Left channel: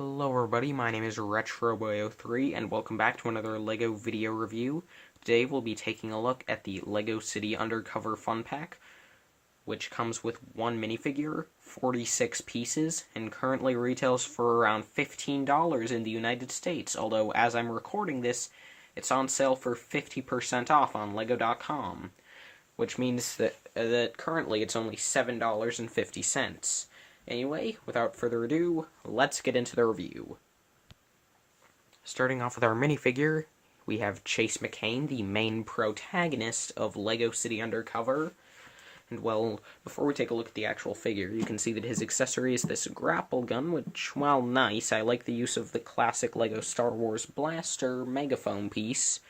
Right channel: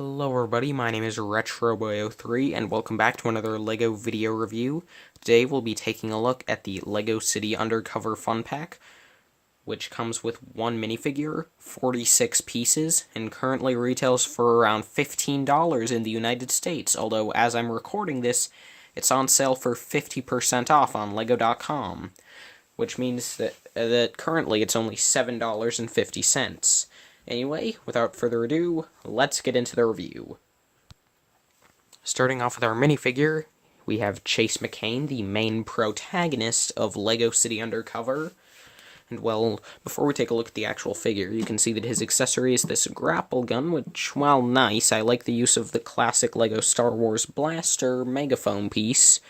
Hello everybody, my name is RetroBoy03 and welcome back to another LEGO video review. Today we'll be taking a look at the LEGO City Undercover Fun Pack, which comes with one minifigure, 46 pieces, and currently retails for around $15 in the United States, although as I'm recording this, it's on sale for 50% off on LEGO.com, which means that currently it's only $7.50. Anyway, without further ado, let's get into the review. Starting off with our minifigure, we have Chase McCain, the main protagonist of LEGO City Undercover. And well, before we take a look at the actual figure, you can see that his accessory is this grapple gun, which, while nice, I like the use of the classic LEGO Star Wars blaster megaphone piece.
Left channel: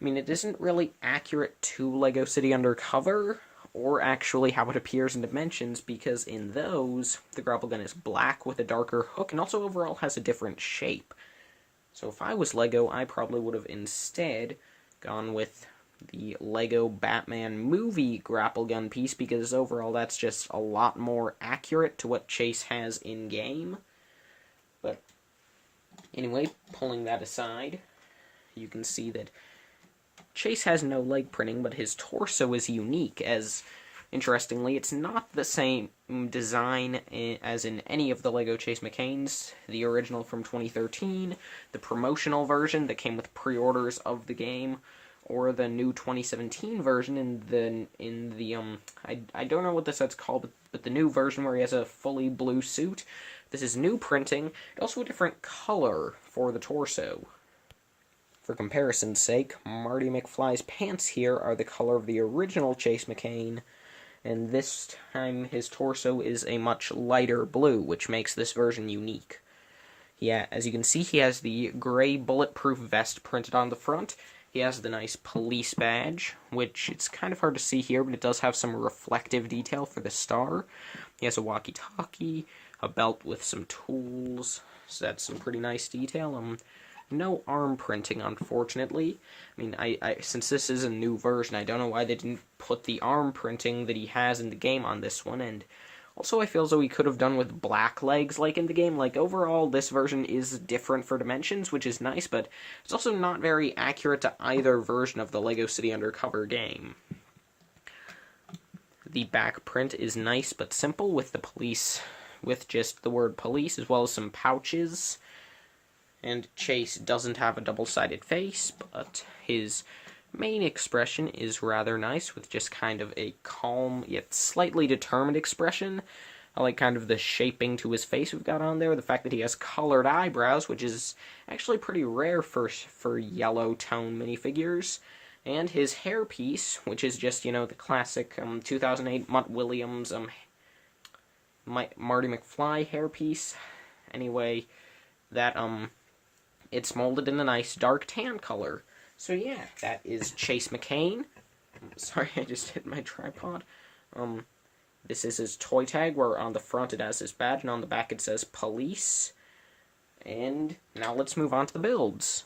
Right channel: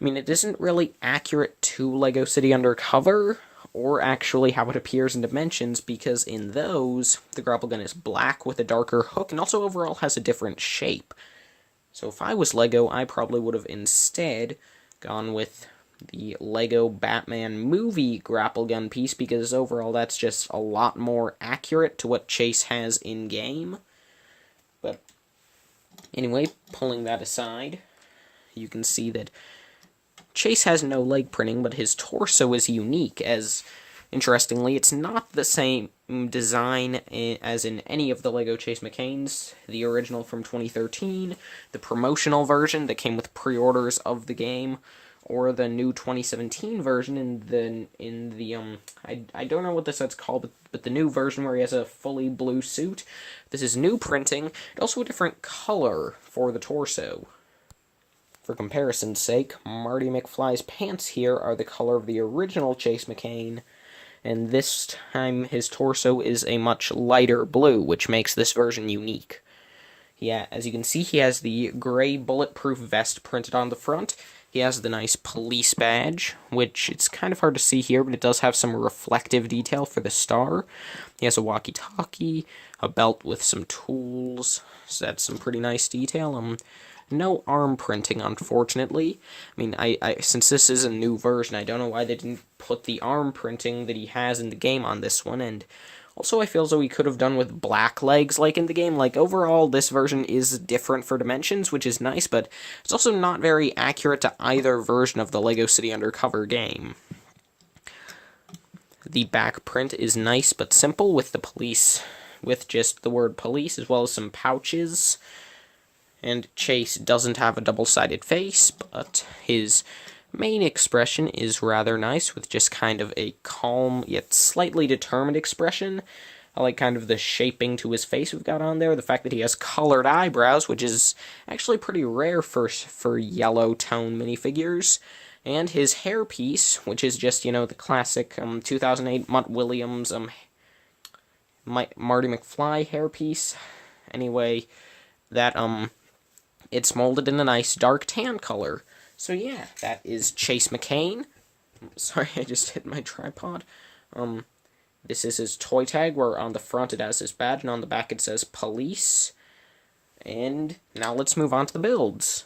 I mean, it isn't really accurate to LEGO City Undercover, or actually how it appears in Dimensions, because in those, the grapple gun is black with a darker hook, and also overall has a different shape. So if I was LEGO, I probably would have instead gone with the LEGO Batman movie grapple gun piece, because overall that's just a lot more accurate to what Chase has in-game. But anyway, pulling that aside, you can see that Chase has no leg printing, but his torso is unique, as, interestingly, it's not the same design as in any of the LEGO Chase McCains, the original from 2013, the promotional version that came with pre-orders of the game, or the new 2017 version I don't know what the set's called, but the new version where he has a fully blue suit. This is new printing, and also a different color for the torso. For comparison's sake, Marty McFly's pants here are the color of the original Chase McCain, and this time his torso is a much lighter blue, which makes this version unique. Yeah, as you can see, he has the gray bulletproof vest printed on the front. He has the nice police badge, which it's kind of hard to see here, but it does have some reflective detail for the star. He has a walkie-talkie, a belt with some tools, so that's some pretty nice detail. No arm printing, unfortunately. I mean, I since this is a new version, I don't know why they didn't put the arm printing that he has in the game on this one, and also I feel as though he could have done with black legs like in the game. Like, overall, this version is different for Dimensions, which is nice, but it's also not very accurate to either version of the LEGO City Undercover game. The back print is nice but simple, with the police, with just the word police, as well as some pouches. And Chase doesn't have a double-sided face, but his main expression is rather nice, with just kind of a calm, yet slightly determined expression. I like kind of the shaping to his face we've got on there, the fact that he has colored eyebrows, which is actually pretty rare for yellow tone minifigures, and his hairpiece, which is just, the classic 2008 Mutt Williams Marty McFly hairpiece. Anyway, that it's molded in a nice dark tan color. So yeah, that is Chase McCain. Sorry, I just hit my tripod. This is his toy tag, where on the front it has his badge, and on the back it says police. And now let's move on to the builds.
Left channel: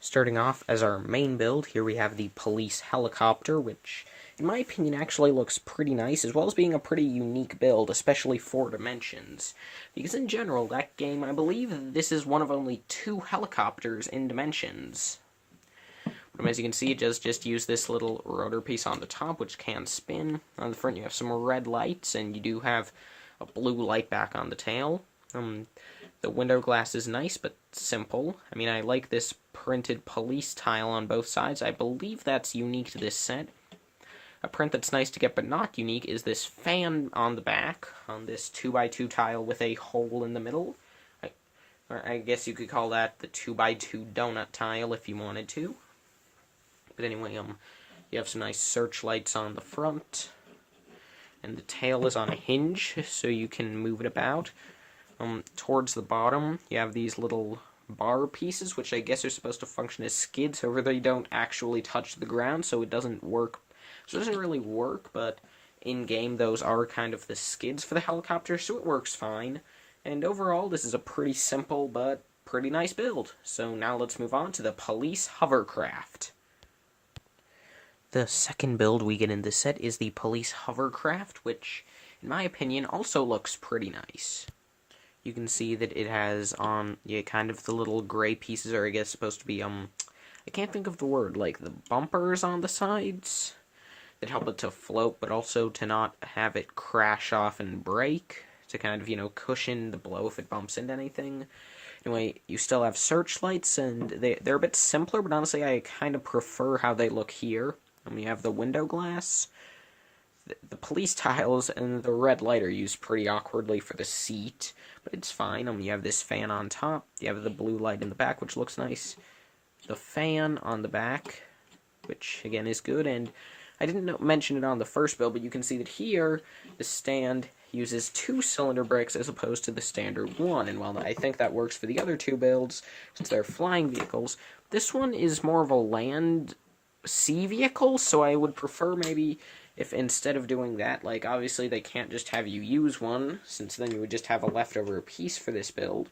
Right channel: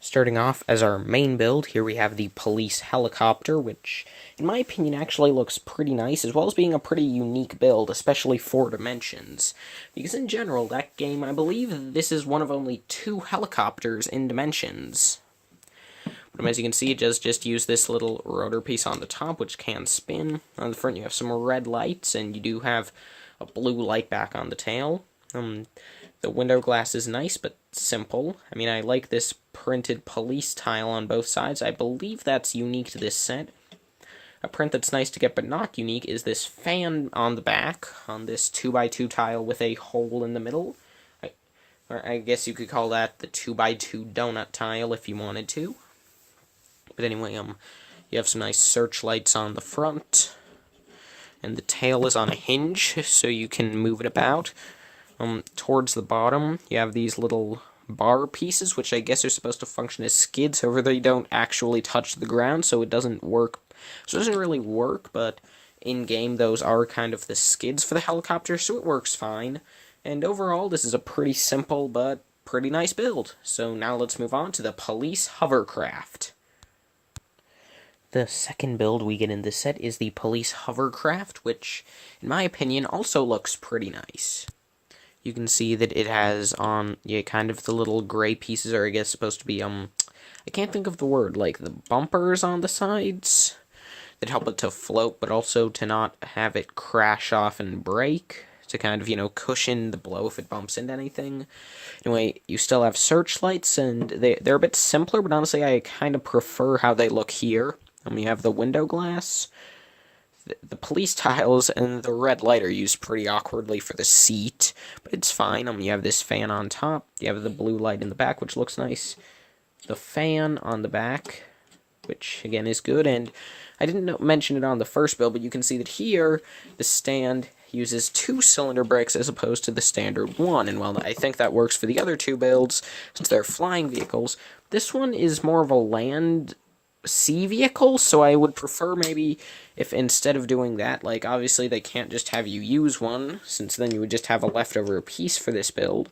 Starting off as our main build, here we have the police helicopter, which, in my opinion, actually looks pretty nice, as well as being a pretty unique build, especially for Dimensions. Because in general, that game, I believe this is one of only 2 helicopters in Dimensions. But as you can see, it does just use this little rotor piece on the top, which can spin. On the front, you have some red lights, and you do have a blue light back on the tail. The window glass is nice, but simple. I mean, I like this printed police tile on both sides. I believe that's unique to this set. A print that's nice to get but not unique is this fan on the back, on this 2x2 tile with a hole in the middle. Or I guess you could call that the 2x2 donut tile if you wanted to. But anyway, you have some nice searchlights on the front. And the tail is on a hinge, so you can move it about. Towards the bottom, you have these little bar pieces, which I guess are supposed to function as skids. However, they don't actually touch the ground, so it doesn't work. So it doesn't really work, but in-game, those are kind of the skids for the helicopter, so it works fine. And overall, this is a pretty simple but pretty nice build. So now let's move on to the police hovercraft. The second build we get in this set is the police hovercraft, which, in my opinion, also looks pretty nice. you can see that it has on, yeah, kind of the little gray pieces are, I guess, supposed to be, I can't think of the word, like the bumpers on the sides that help it to float, but also to not have it crash off and break, to kind of, cushion the blow if it bumps into anything. Anyway, you still have searchlights, and they're a bit simpler, but honestly, I kind of prefer how they look here. You have the window glass, the police tiles, and the red light are used pretty awkwardly for the seat, but it's fine. You have this fan on top, you have the blue light in the back, which looks nice, the fan on the back, which, again, is good, and I didn't mention it on the first build, but you can see that here, the stand uses 2 cylinder brakes as opposed to the standard 1, and while I think that works for the other 2 builds, since they're flying vehicles, this one is more of a land sea vehicle, so I would prefer maybe if instead of doing that, like, obviously they can't just have you use one, since then you would just have a leftover piece for this build.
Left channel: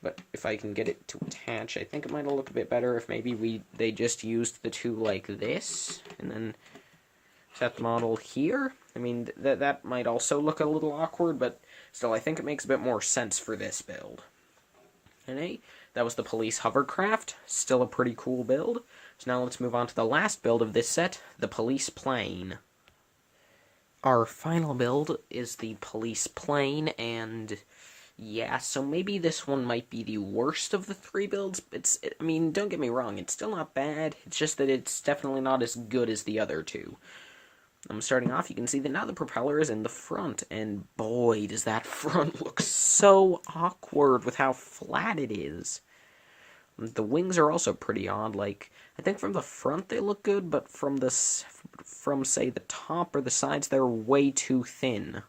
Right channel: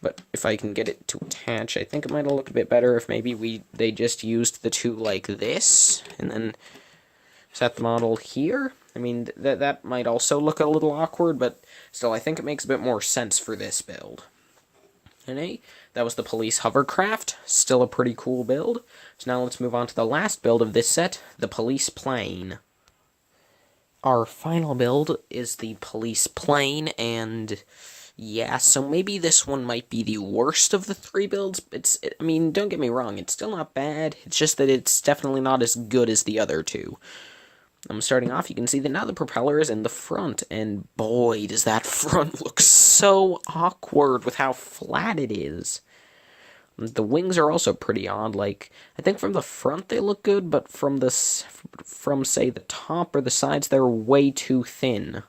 But if I can get it to attach, I think it might have looked a bit better if maybe they just used the 2 like this, and then set the model here. I mean, that might also look a little awkward, but still, I think it makes a bit more sense for this build. Anyway, that was the police hovercraft, still a pretty cool build. So now let's move on to the last build of this set, the police plane. Our final build is the police plane, and yeah, so maybe this one might be the worst of the 3 builds. I mean, don't get me wrong, it's still not bad. It's just that it's definitely not as good as the other 2. Starting off, you can see that now the propeller is in the front, and boy, does that front look so awkward with how flat it is. The wings are also pretty odd. Like, I think from the front they look good, but from say, the top or the sides, they're way too thin.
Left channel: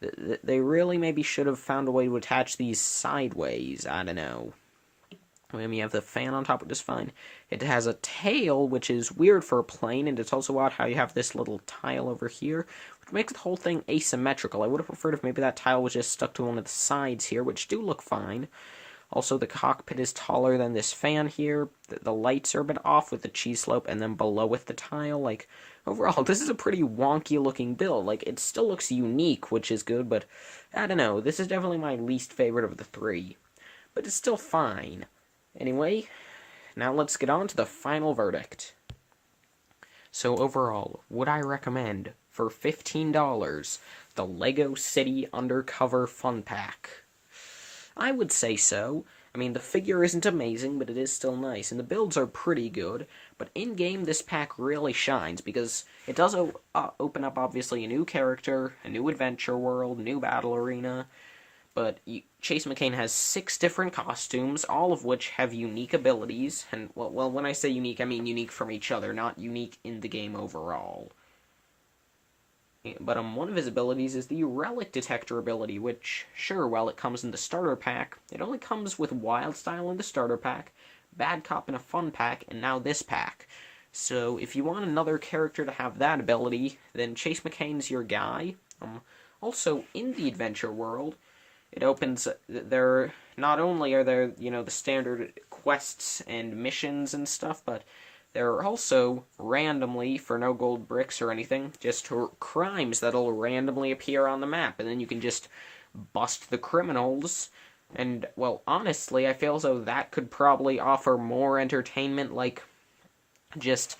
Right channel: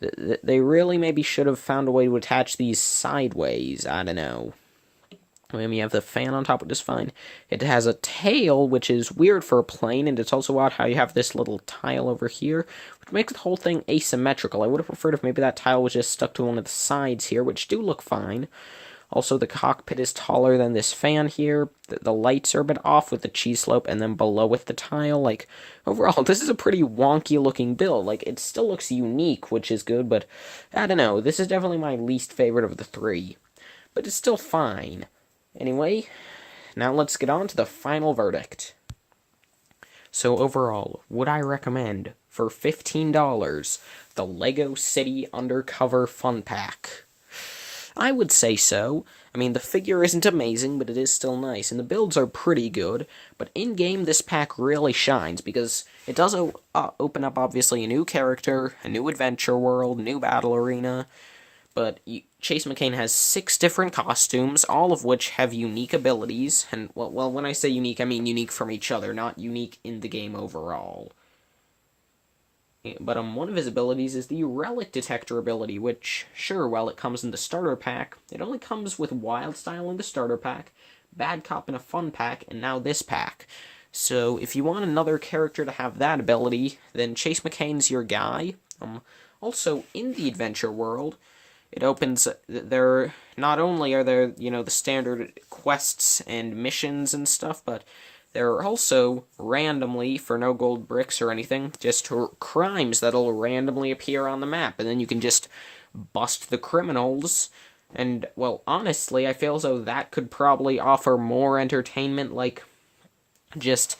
They really maybe should have found a way to attach these sideways. I don't know. You have the fan on top, which is fine. It has a tail, which is weird for a plane, and it's also odd how you have this little tile over here, which makes the whole thing asymmetrical. I would have preferred if maybe that tile was just stuck to one of the sides here, which do look fine. Also, the cockpit is taller than this fan here. The lights are a bit off with the cheese slope, and then below with the tile. Like, overall, this is a pretty wonky-looking build. Like, it still looks unique, which is good, but I don't know. This is definitely my least favorite of the 3. But it's still fine. Anyway, now let's get on to the final verdict. So overall, would I recommend, for $15, the LEGO City Undercover Fun Pack? I would say so. I mean, the figure isn't amazing, but it is still nice, and the builds are pretty good, but in-game this pack really shines, because it does open up, obviously, a new character, a new adventure world, new battle arena, but Chase McCain has 6 different costumes, all of which have unique abilities, and, well, when I say unique, I mean unique from each other, not unique in the game overall. But one of his abilities is the Relic Detector ability, which, sure, while it comes in the starter pack, it only comes with Wild Style in the starter pack, Bad Cop in a fun pack, and now this pack. So, if you want another character to have that ability, then Chase McCain's your guy. Also, in the adventure world, it opens, not only are there, the standard quests and missions and stuff, but there are also, randomly, for no gold bricks or anything, just crimes that'll randomly appear on the map, and then you can just bust the criminals, and, well, honestly, I feel as though that could probably offer more entertainment, like, just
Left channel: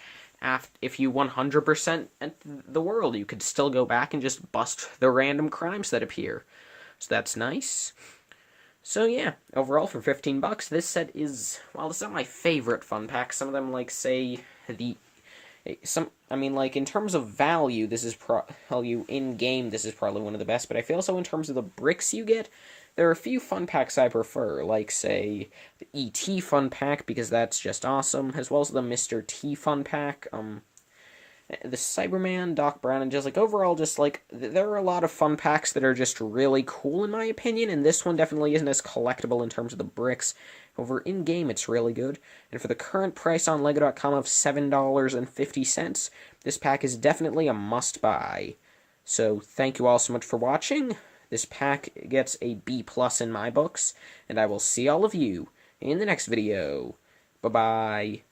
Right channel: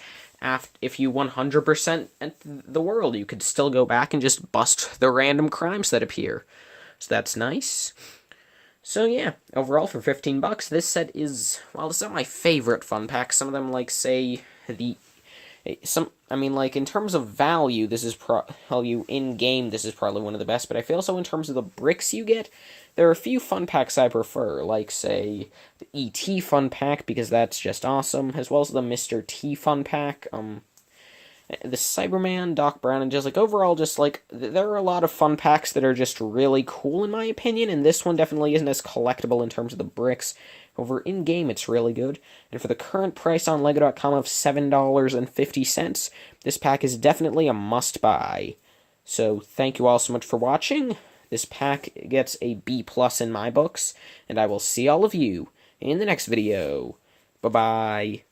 if you 100% the world, you could still go back and just bust the random crimes that appear. So that's nice. So yeah, overall for $15, this set is, well, it's not my favorite fun pack. Some of them, like, say, in terms of value, this is value in-game, this is probably one of the best, but I feel so in terms of the bricks you get, there are a few fun packs I prefer, like, say, the E.T. fun pack, because that's just awesome, as well as the Mr. T fun pack, the Cyberman, Doc Brown, and just, like, overall, just, like, there are a lot of fun packs that are just really cool, in my opinion, and this one definitely isn't as collectible in terms of the bricks. Over in-game, it's really good, and for the current price on LEGO.com of $7.50, this pack is definitely a must-buy. So, thank you all so much for watching. This pack gets a B+ in my books, and I will see all of you in the next video. Bye-bye.